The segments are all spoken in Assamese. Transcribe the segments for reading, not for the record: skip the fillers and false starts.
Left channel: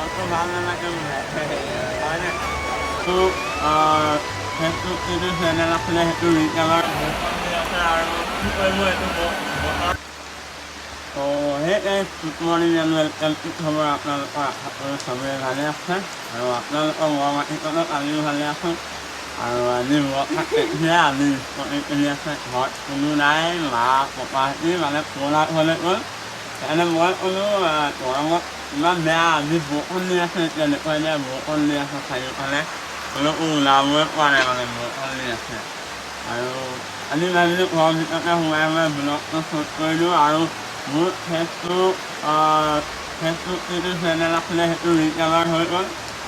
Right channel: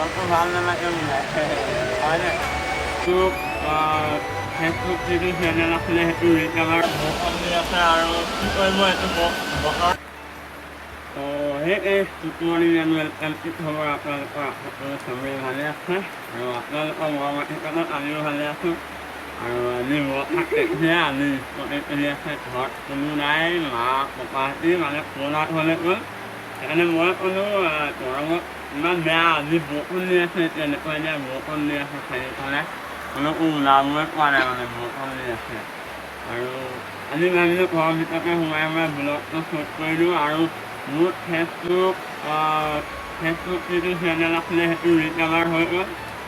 মনটো ভাল নালাগে বোলে হয়নে তোক ফেচবুক যিটো চেনেল আছিলে সেইটো ৰিকাভাৰ দি আছে আৰু কি কৰিব এইটো বতৰ তো সেই গুড মৰ্ণিং এণ্ড ৱেলকাম কি খবৰ আপোনালোকৰ সকলো চবেই ভালে আছে আৰু আপোনালোকৰ মৰমাতিকত আমিও ভালে আছোঁ আৰু আজি যে আজি কৰি আছে ঘৰত কোনো নাই মা পাপাহঁতি মানে পুৰণা ঘৰলৈ গ'ল সেইকাৰণে মই ক'লোঁ গৰমত ইমান বেয়া আজি বৰষুণ দি আছে এতিয়া এনেকুৱা এতিয়া বৰষুণ দি আছে চাৰিওফালে ক'লোঁ ওলাবই পৰা নাই মানে বৰষুণ দি আছে আৰু আজি ভাবিলোঁ ঘৰৰ ভিতৰতে সোমাই ব্লগটো শ্বুট কৰি দিওঁ আৰু মোৰ ফেচবুক যিটো চেনেল আছিলে সেইটো ৰিকাভাৰ হৈ গ'ল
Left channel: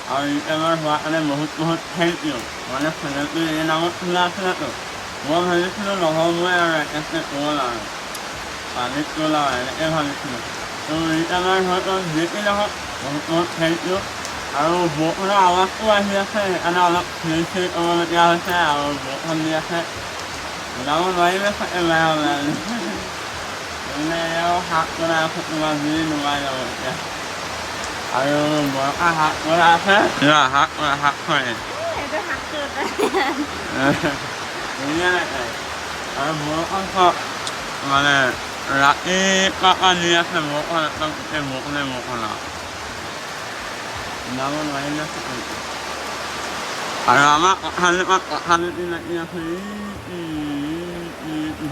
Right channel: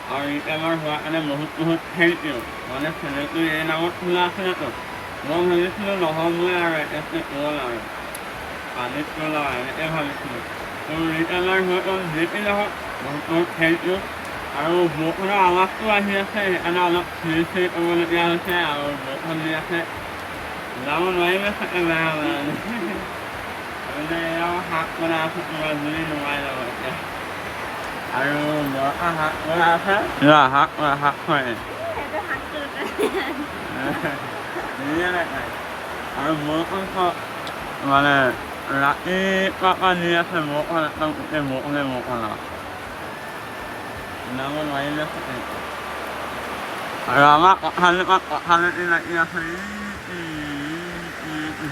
আৰু ৰিকাভাৰ হোৱাৰ কাৰণে বহুত থেংক ইউ মানে চেনেলটো এই নামত খোলা আছিলেতো মই ভাবিছিলোঁ নহ'বই আৰু একেবাৰে গ'ল আৰু পানীত গ'ল আৰু এনেকৈ ভাবিছিলোঁ তো ৰিকাভাৰ হৈ গ'ল যি নহওক বহুত থেংক ইউ আৰু বৰষুণৰ আৱাজটো আহি আছে সেইকাৰণে অলপ চিৰি কৰিবলগীয়া হৈছে আৰু বৰষুণ দি আছে ওলাব নোৱাৰিলে চাগে বেয়া ওলালে মানে এয়াও শাক বনাই আছে তোমাৰ জুই নুমাই যাব এতিয়া আৰু বৰষা শাক বনাই আছে শাক হয় ধুনীয়া লাগে আৰু বৰষুণ মানে ৰাতিপুৱা দি আছে বৰষুণ একদম গোটেই বৰষুণ আৰু ওলাব নোৱাৰিলে চাগে আৰু আমাৰ কঁঠালি লাগি আছে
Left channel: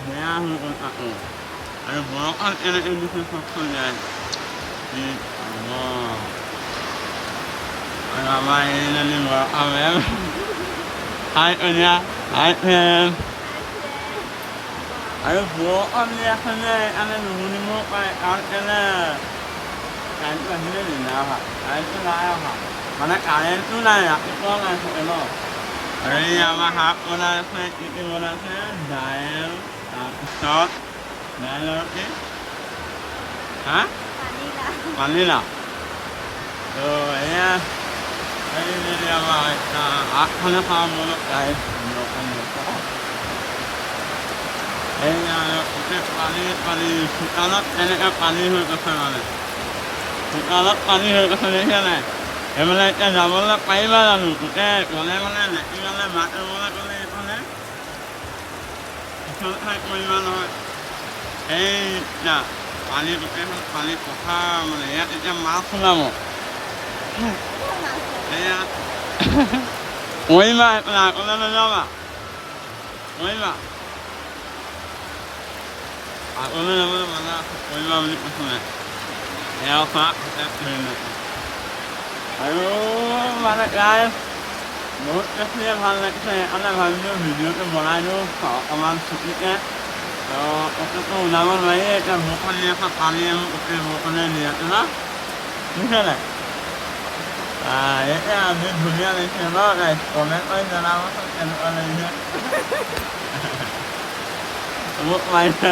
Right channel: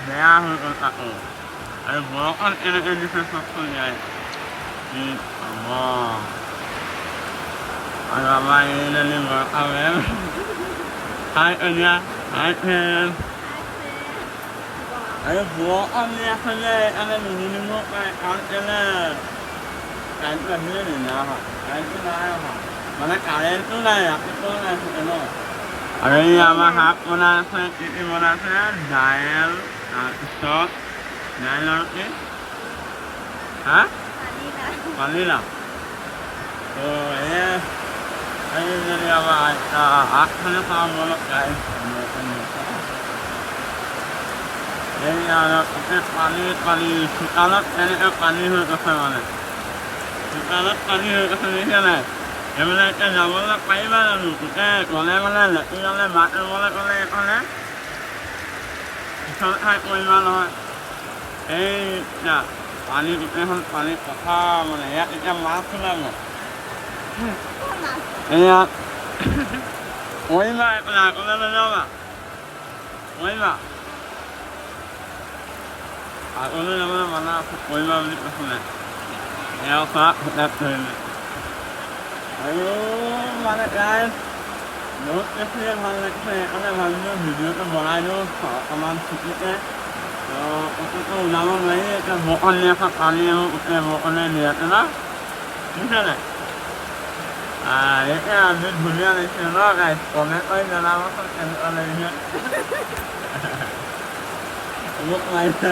বেয়া হৈ গ'ল আকৌ আৰু বৰষুণ এনেকৈ দিছে চব চলিয়াই আৰু আমাৰ এইজনী বৰষা মেম হাই কন্যা হাই ফ্ৰেম আৰু বৰষুণ দি আছে যে সেইকাৰণে নুশুনিব পাৰে কাৰণ কেলে কাৰেণ্টটো আহিলে নি নাই অহা কাৰেণ্টটো নাই অহা মানে কাৰেণ্টটো নাই ৰাতিপুৱা নাই থাকে ন আৰু এই আমাৰ শাক বনাই আছে কি বনাইছে দাইল তাৰপিছত দাইল আৰু কি পানীলাও তো এয়া এইজনী আমাৰ আগফালে খাওঁ মনত এই পানী চোতালত এনেকৈ পানী হৈ গৈছে মানে চোতালত পানী হৈ গৈছে দেখিছা নাই সেইফালে এতিয়া যাবলৈ পাৰিবা জানো গোটেই গ'লে লেট্ৰিনলৈ বাট ৰুবলৈ গ'লে এইফালে পিছল খাই পৰিবা নহয় এই পানী গোটেইখন পানী পথাৰ মানে ইয়াত এতিয়া মাছ সোমাব ইয়াত পৰিবা এইফালে আগলৈ নাযাবা পৰিবা আগলৈ যাবলৈ মানা আছে পৰিবা বুলি কৈছিলে এয়া খোৱা তাত ধৰিলে আৰু মানে গাই বহুত বেছিয়ে ভাল লাগিছে সেইকাৰণে ভাবিলোঁ ভিডিঅ'টো বনাই দিওঁ অকণমান ছুটিকৈ তো ক'তো ওলাব নোৱাৰি এতিয়া বৰষুণ দি আছে পানী আৰু গোটেই বৰষুণে দিয়াতে ন বুজিছেনে এতিয়া আজি ধুনীয়া লাগিছে ন গাইজ কমেণ্ট কৰি জনাবচোন কেনেকুৱা লাগিছে মোক মাৰিছে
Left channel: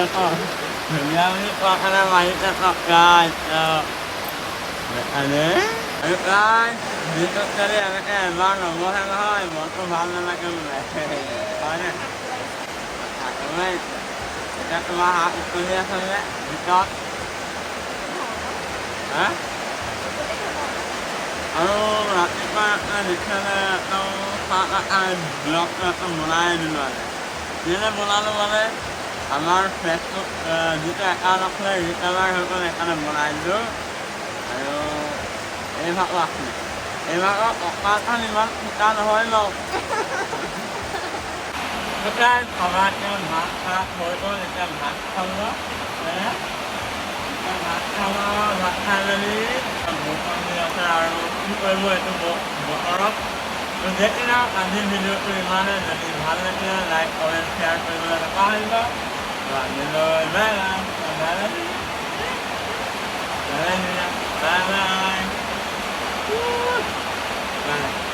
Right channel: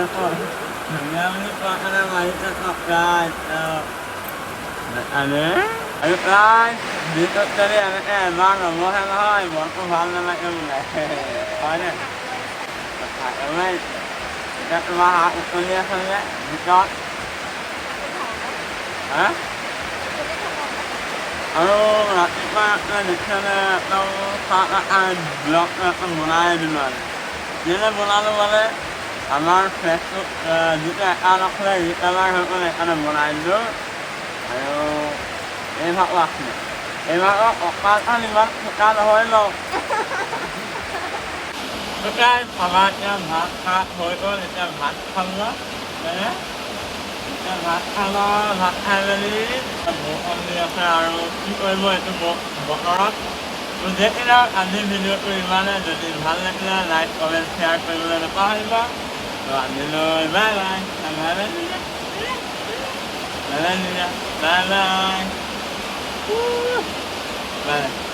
ধুনীয়া বুলি কোৱা কাৰণে মাৰিছে গাইজ আৰু প্ৰায় ভিতৰত যদি এনেকৈ এবাৰ নবহে নহয় মনটো ভাল নালাগে বোলে হয়নে এতিয়া তোমাৰ হাত উতলি আছে যে ভিতৰত আৰু ৰাতিপুৱা দেখিলে একদম ব্লগ একদম বনাই দিলোঁ মানে কেলৈ বনালোঁ মানে আমাৰ ফেচবুক যিটো একাউণ্ট আছিলে ৰিকাভাৰ হৈ গ'ল সেইকাৰণে বনাই দিলোঁ আৰু এই ভাগো আছিলে এই ভাগৰ কঁকালখন ইমান ফুটা নহয় ন শুকাই খাবা এতিয়া ভাত খোৱা হৈ গ'ল এতিয়া ভাত খাব এতিয়া ভাত খাই মেলি বৰষুণ দি আছে আৰু কি কৰিব এইটো বতৰত তো যেতিয়া আজিৰ ভিডিঅ'টো ইমানে যদি ভাল লাগিলে লাইক কমেণ্ট শ্বেয়াৰ কৰিবলৈ নাপাহৰিবা তো আজিলৈ বাই বাই বাই বাই